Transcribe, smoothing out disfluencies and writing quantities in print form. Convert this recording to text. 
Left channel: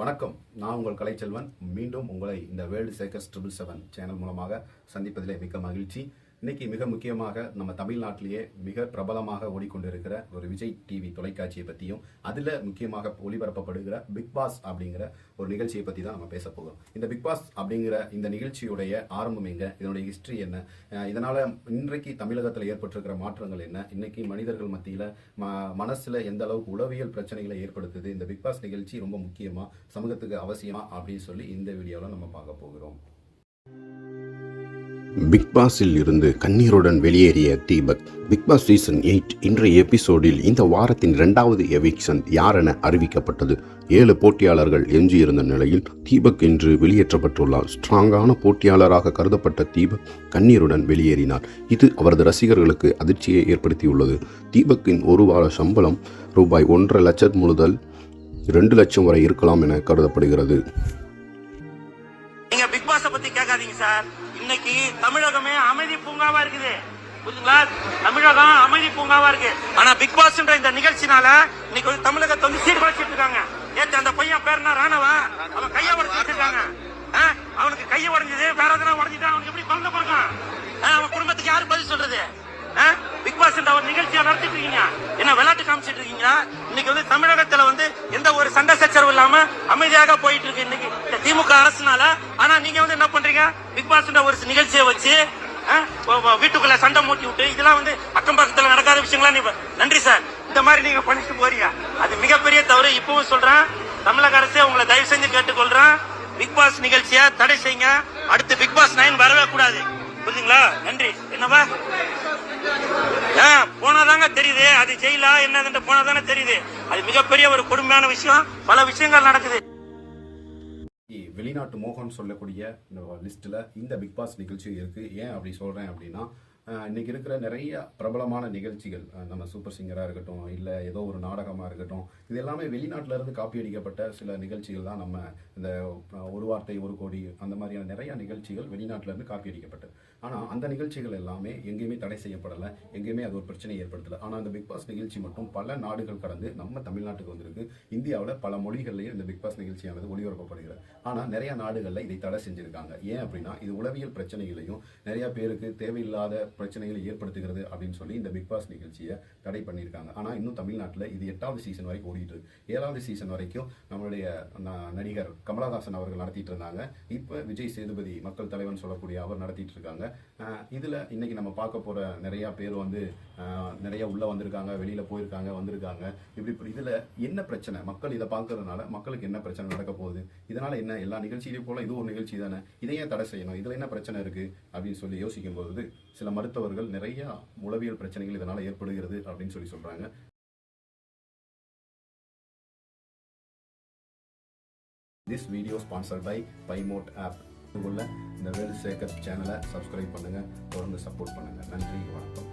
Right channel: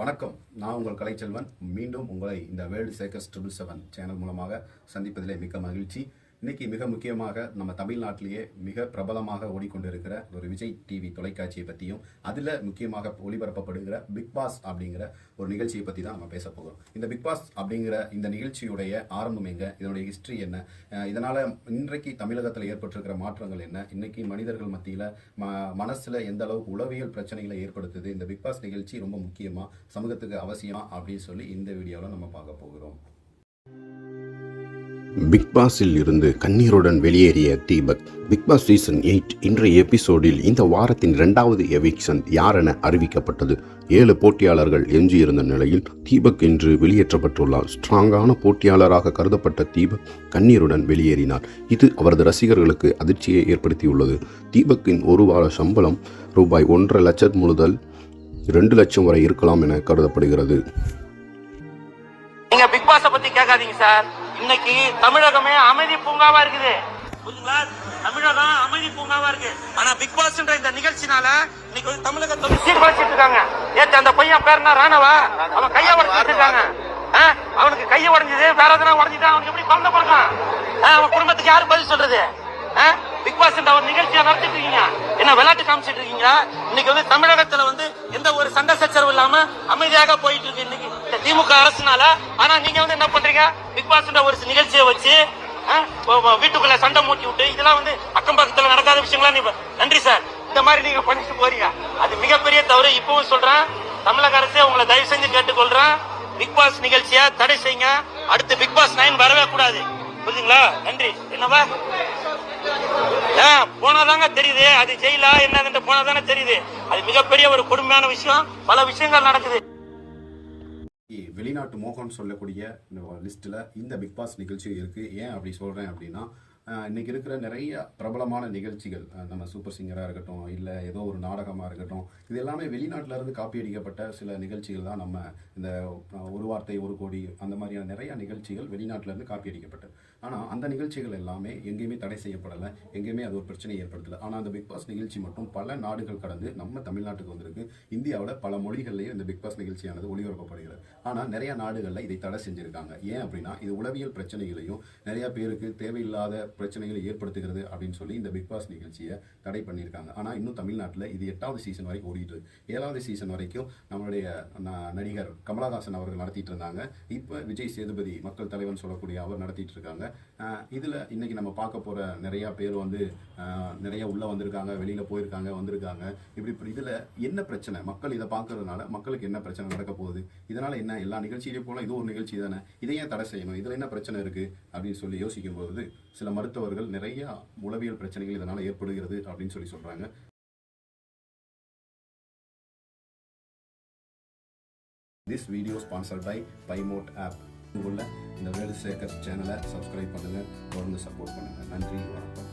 வணக்கம். நான் உங்கள் கலைச்செல்வன். மீண்டும் உங்களை இந்த வேர்ல்டு சேக்கர்ஸ் 777 சேனல் மூலமாக சந்திப்பதிலே மிக்க மகிழ்ச்சி. இன்னைக்கு மிக முக்கியமாக நம்ம தமிழ்நாட்டிலேயே மிக பிரபலமாக ஓடிக்கொண்டிருக்கிற ஒரு விஜய் டிவி தொலைக்காட்சியை பற்றியும் அதில் முக்கியமாக ஒளிபரப்பப்படுகிற பிக் பாஸ் அப்படிங்கிற ஒரு நிகழ்ச்சியை பற்றி தான் நம்ம பேச போகிறோம். இந்த பிக் பாஸ் அப்படிங்கிற இந்த நிகழ்ச்சியுடைய ஆரம்பம் எங்க, இதனுடைய ஹிஸ்ட்ரி என்ன, இதனால இன்றைக்கு தமிழகத்தில் ஏற்பட்டிருக்கிற மாற்றங்கள் என்ன, இன்னைக்கு மனிதர்கள் மத்தியில் மனசுல எந்த அளவுக்கு உளவியல் பிரச்சனைகளை ஏற்படுத்துது, இந்த பிக் பாஸ் நிகழ்ச்சி ரொம்ப முக்கியமா, சமூகத்துக்கு அவசியமா அப்படின்னு சொல்லி இந்த வீடியோவில் நம்ம பார்க்க போகிறோம். பிக் பாஸில் இருந்து கண்ணீருடன் வெளியேறிய தீபக். பிக் பாஸ் சீசன் 8 இன்றைய எபிசோடில் இந்த வாரத்தின் 2வது எவிக்ஷன் யாரென அறிவிக்கப்பட்டது. 7 போட்டியாளர்கள் எஞ்சியிருந்த நிலையில் தீபக் இன்று வெளியேற்றப்பட்டுள்ளார். ஸ்ட்ராங்கான போட்டியாளராக கருதப்பட்ட தீபக் கண்ணீருடன் வெளியேறினார். இது அவரது ரசிகர்களுக்கு அதிர்ச்சியை ஏற்படுத்தியுள்ளது. தீபக்கின் ஒரு வார சம்பளம் ரூபாய் 1.5 லட்சம் முதல் 2 லட்சம் வரை இருக்கலாம் என கருதப்படுகிறது. நீங்க பிக் பாஸ பத்தி கேட்காதீங்க சார். இன்னைக்கு தமிழகமே அமைதி பூங்காவா இருக்குது. தமிழகம் அமைதி பூங்காவா இருக்கு. ஆனா பிக் பாஸ் இந்த நிகழ்ச்சினால இன்னைக்கு வந்து தமிழகத்தை சீர்குலைச்சிட்டு இருக்காங்க. ஏன் அந்த பையன் பேருனா ராணவா, அவன் கைய உடச்சிட்டு இருக்காங்க. அவனுக்கு கைய உடஞ்சது வேற எதனா உடஞ்சிட்டா அவனுக்கு எப்படி குழந்தை பிறக்கலாம்? அவன் குடும்பத்துக்கு யாரு பதில் சொல்றது? பிக் பாஸ் அவர் நிகழ்ச்சியா நடத்திட்டு இருக்கீங்க, என்ன விளையாட்டு காமிச்சிட்டு இருக்கீங்க. இன்னைக்கு வந்து தமிழகத்துல வந்து எந்த ஒரு சண்டை சச்சரவு இல்லாம அமைதியாக போயிட்டு இருக்கு இன்னைக்கு இந்த திமுக அரசுனால. ஆனா நீங்க வந்து என்ன பண்றீங்க, பிக் பாஸ் ஒரு நிகழ்ச்சியை வச்சு வீட்டுக்குள்ள சண்டை மூட்டி விட்டு இதெல்லாம் வந்து அக்கம் பக்கத்துல நடக்காத விஷயங்களா? நன்றி சார், இந்த மாதிரி நீங்க பண்ணிட்டு போறீங்க, அது மிகப்பெரிய தவறு. இப்பவும் சொல்றேன், தமிழக அரசு உங்களை தயவு செஞ்சு கேட்டுக்கொள்றேன், பிக் பாஸ் நிகழ்ச்சியை தடை செய்யுங்க. அடுத்து பிக் பாஸ் 9 வரவே கூடாது, புரியுதுங்களா? நன்றி. என்னவா போனாதாங்க தெரியுது, அது ஜெயிலா என்ன போனாதானே தெரியுது. அது மிகப்பெரிய ஒரு கொடுமையான விஷயம். பல விஷயங்கள் நடக்குது. வெளிநாட்டு மோகன் சொல்லக்கூடிய லிஸ்ட்ல இந்த பிக் பாஸ் நிகழ்ச்சியும் இருக்கு. ஏன் அப்படி சொல்றேன் அப்படின்னா, இன்னைக்கு இருக்கிற நிறைய பிரபலமான நிகழ்ச்சிகள், நம்ம சூப்பர் சிங்கராக இருக்கட்டும், இல்லை ஏதோ ஒரு நாடகமாக இருக்கட்டும், இது எல்லாமே வெளிநாட்டில இருந்து காப்பி அடிக்கப்பட்ட சில நிகழ்ச்சிகள் தான். நம்ம இந்த ஒரு வார்த்தை ஒரு கோடி அந்த மாதிரியான நிறைய நிகழ்ச்சிகள் வெளிநாட்டில இருந்து காப்பி அடிக்கப்பட்டது. ஆனால் அந்த நிகழ்ச்சிகள் எல்லாமே எங்கேயுமே தடை செய்யப்படலை, எங்கேயுமே அது ஒரு பிரச்சனை ஏற்படுத்தலை. ஆனால் அந்த பிக் பாஸ் நிகழ்ச்சி மட்டும் பல நாடுகள் கடந்து நம்ம தமிழ்நாட்டுக்கு வந்திருக்கு. இந்தியாவில் பல மொழிகள்லேயே இந்த பிக் பாஸ் நிகழ்ச்சியானது ஒளிபரப்பப்படுகிறது. ஆனால் நிறைய நாடுகளில் இதை தடை செஞ்சுருக்காங்க. ஏன் அப்படின்னா, இது உளவியல் பிரச்சனைகளையும் நிறைய பேருக்கு தேவையில்லாத பிரச்சனைகளை ஏற்படுத்துகிறது அப்படின்னு சொல்லி இந்த பிக் பாஸ் நிகழ்ச்சியை தடை பண்ணியிருக்காங்க. ஆனால் இன்னும் தமிழ்நாட்டில் இது 8வது சீசன் வரைக்கும் ஓடிட்டு இருக்கு. 7வது சீசன் வரைக்கும் நம்மளுடைய நடிகர் கமலஹாசன் அவர்கள் நடத்திட்டு இருந்தாங்க. இப்போ விஜய் சேதுபதி மக்கள் தலைவன் சொல்லக்கூடிய அவர் நடத்திட்டு இருக்காங்க. இதில் இன்னைக்கு நம்ம பார்க்க போற நிறைய பேர் வந்து நிறைய உள்ள வந்திருக்காங்க, வெளியில போயிருக்காங்க, வந்திருக்காங்க. இப்படி இதில் என்ன பிரச்சனை, மக்கள் இதை பார்க்கறதுனால மக்களுக்கு என்ன பிரச்சனை நடக்க போகுது, இதனால என்ன, எல்லா நிகழ்ச்சியிலையும் போல இது ஒரு நிகழ்ச்சி தானே, இதையே தடை செய்யணும், இதில் என்ன பிரச்சனை இருக்கு அப்படின்னு சொல்லி யோசிக்கும் போது சில மருத்துவர்கள் நிறைய உளவியல் பிரச்சனைகள் இதனால ஏற்படுகிறது அப்படின்னு சொல்லி சொல்றாங்க. This video sponsored by Paymote app. உள்ள இந்த வேர்ல்டு சேக்கர்ஸ் சேனலை சப்ஸ்கிரைப் பண்ணுங்க, தொடர்ந்து சப்போர்ட் பண்ணுங்க. நன்றி, வணக்கம்.